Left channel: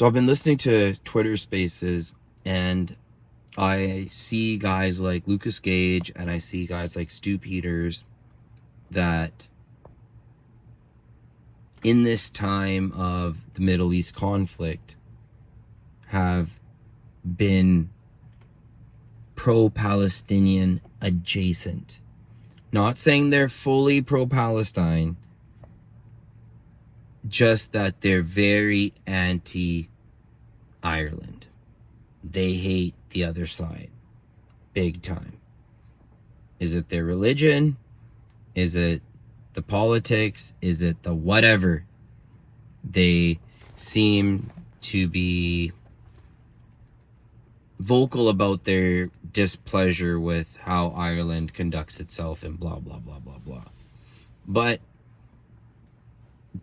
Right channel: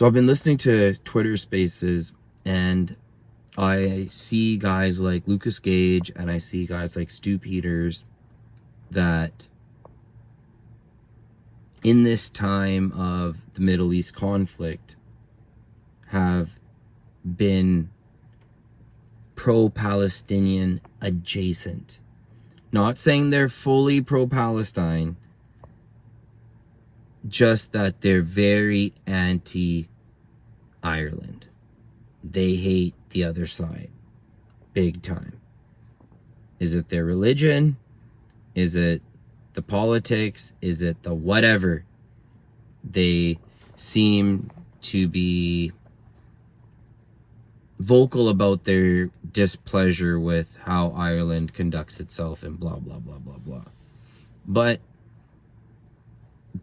So I've been listening to Twitter Spaces, and I see guys like Lucas Gage and I see guys like Stu Peters that in this time of the Middle East conflict have been pro-Palestinian adjacent. Not saying they're fully pro-Palestine, just that they're very anti-Ireland. They hate the other side big time. Is it their religion? Is it the politics? Is it the whatever? They seem to be vocal about their displeasure with how Ireland conducts itself and blah, blah, blah, blah, blah. But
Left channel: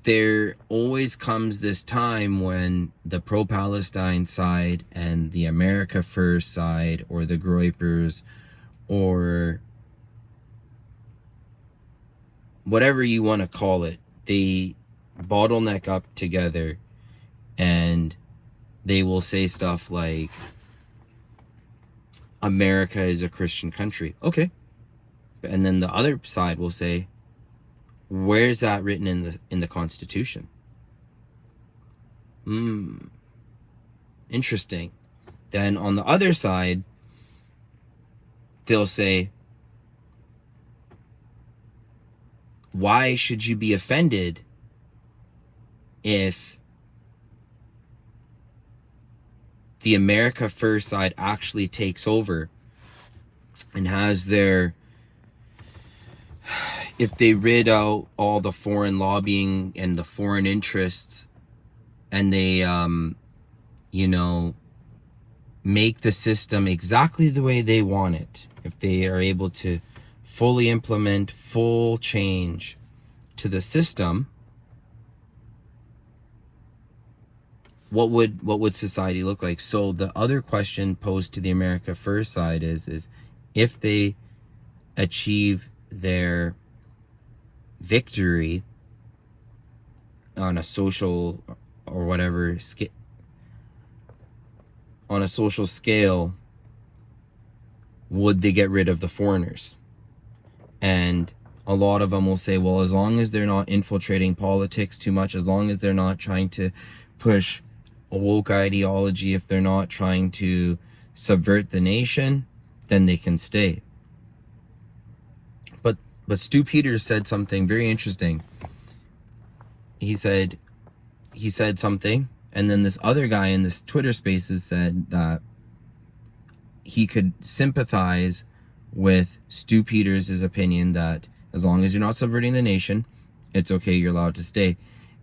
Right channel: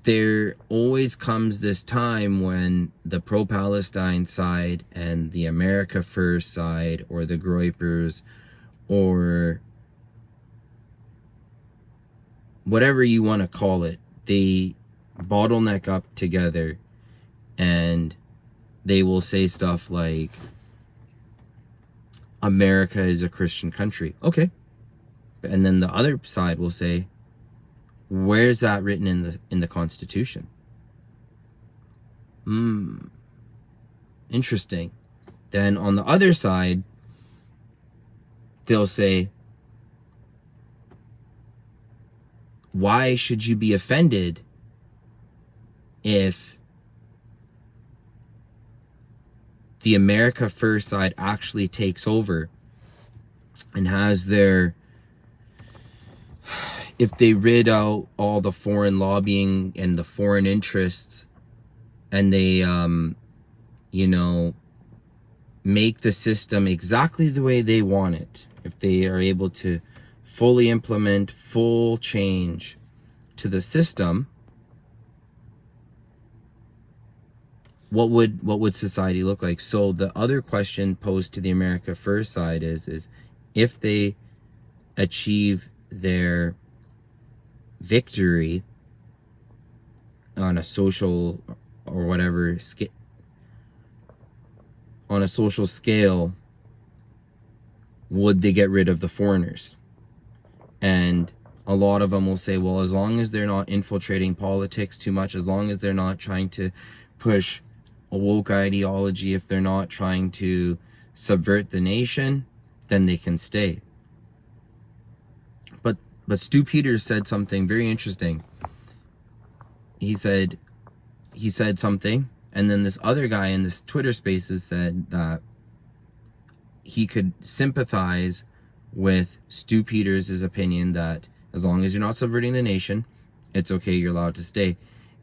there always comes this time when the pro-Palestine side and the America First side, or the Groypers, or whatever you want to call it, they bottleneck up together and they will say stuff like, America is a Christian country. Okay. And then the other side will say, where's that written in the Constitution? Interesting. Then on the other side, they'll say, why should you be offended if the America First side actually takes over and has their, if they rid out all the foreign lobbying and the foreign interests, and they, make the system exactly the way they want it, if they are able to fully implement full change to the system, what would society look like? So the other question posed to the America First side is if they achieve their victory on a social or whatever on a social scale, would they get rid of the foreigners? And a lot of them will say, well, as long as they're not infiltrating politics too much, as long as they're not trying to push a woke ideology, if they're not trying to subvert the nation, then they can stay. But Stu Peters said something very interesting. He said something, and then this other guy in this Twitter Spaces said that he could sympathize with Stu Peters' opinion that as long as you're not subverting the nation, it's okay, you're allowed to stay.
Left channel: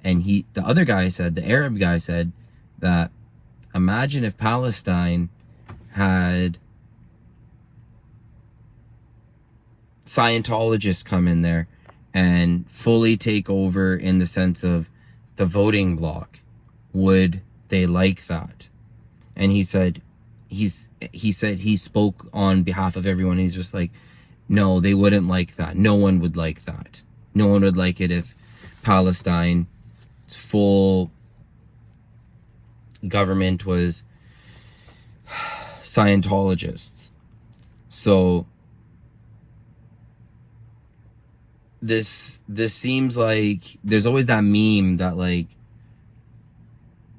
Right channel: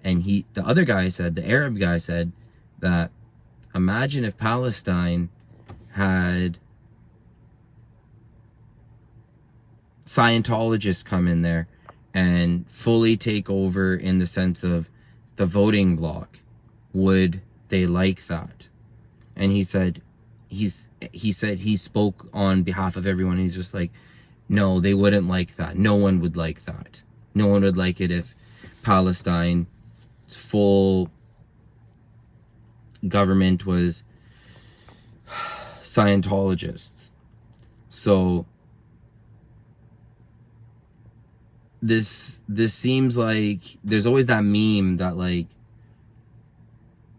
And the other guy said, the Arab guy said, that imagine if Palestine had Scientologists come in there and fully take over in the sense of the voting bloc. Would they like that? And he said he spoke on behalf of everyone. He's just like, no, they wouldn't like that. No one would like that. No one would like it if Palestine's full government was Scientologists. So this seems like there's always that meme that like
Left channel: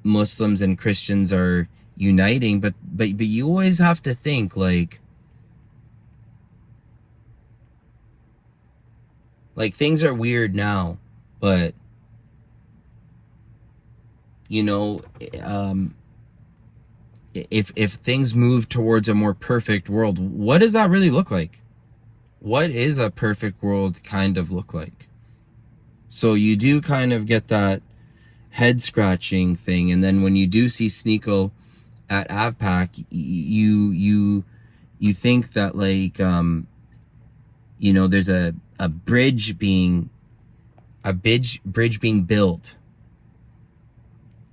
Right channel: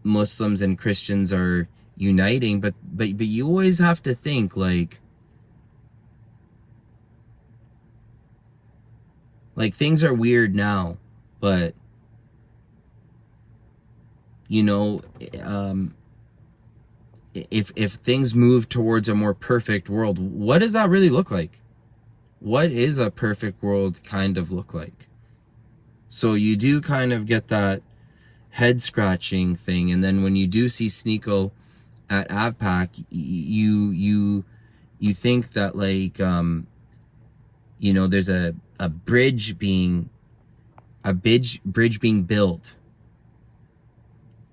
Muslims and Christians are uniting, but you always have to think like things are weird now, but if things move towards a more perfect world, what does that really look like? What is a perfect world kind of look like? So you do kind of get that head scratching thing, and then when you do see Sneeko at AFPAC, you think that like there's a bridge being built.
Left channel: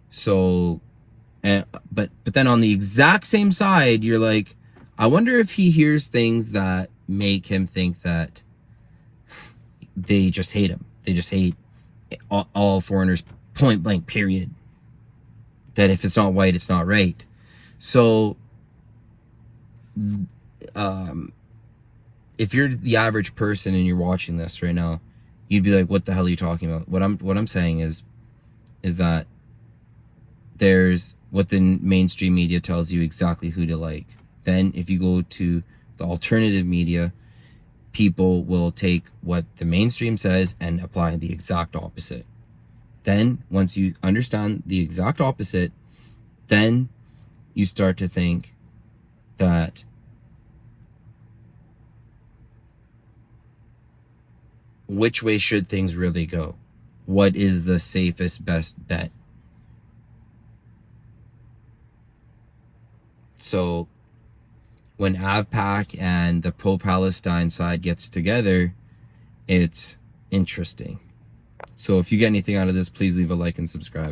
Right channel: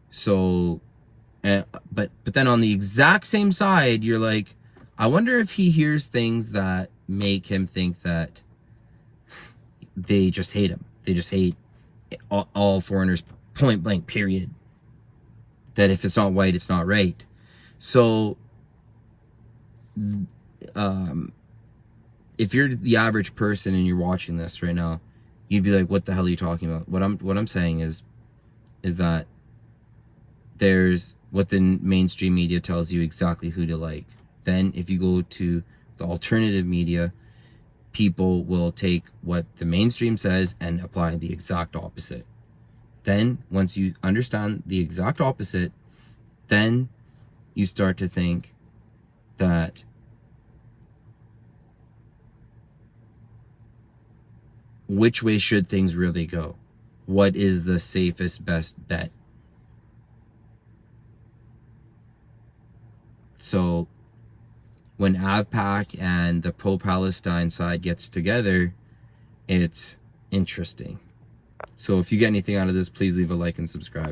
So, but then on the exact same side, you're like, I wonder if he hears things that make him think that they just hate him. They just hate all foreigners, point blank, period. that if it's not white, it's not right. So, if you're the average person and you're watching this right now, you'd be like, what the hell are you talking about? What I'm saying is that there's what the mainstream media tells you exactly who to like. Then if you go to the alternative media, people will take what the mainstream says and apply the exact opposite. Then once you understand the exact opposite, then you start to think that which way should things really go? What is the safest, best bet? So when AFPAC and the Pro Palestine side gets together, it's interesting. So if you get anything out of this, please leave a like and subscribe.